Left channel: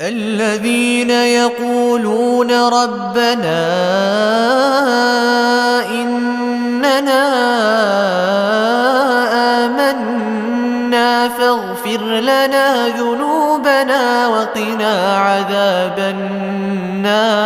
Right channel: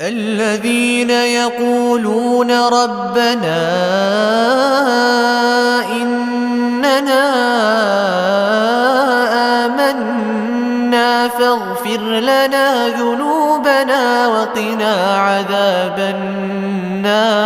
الذين يقولون ربنا إننا آمنا فاغفر لنا ذنوبنا وقنا عذاب النار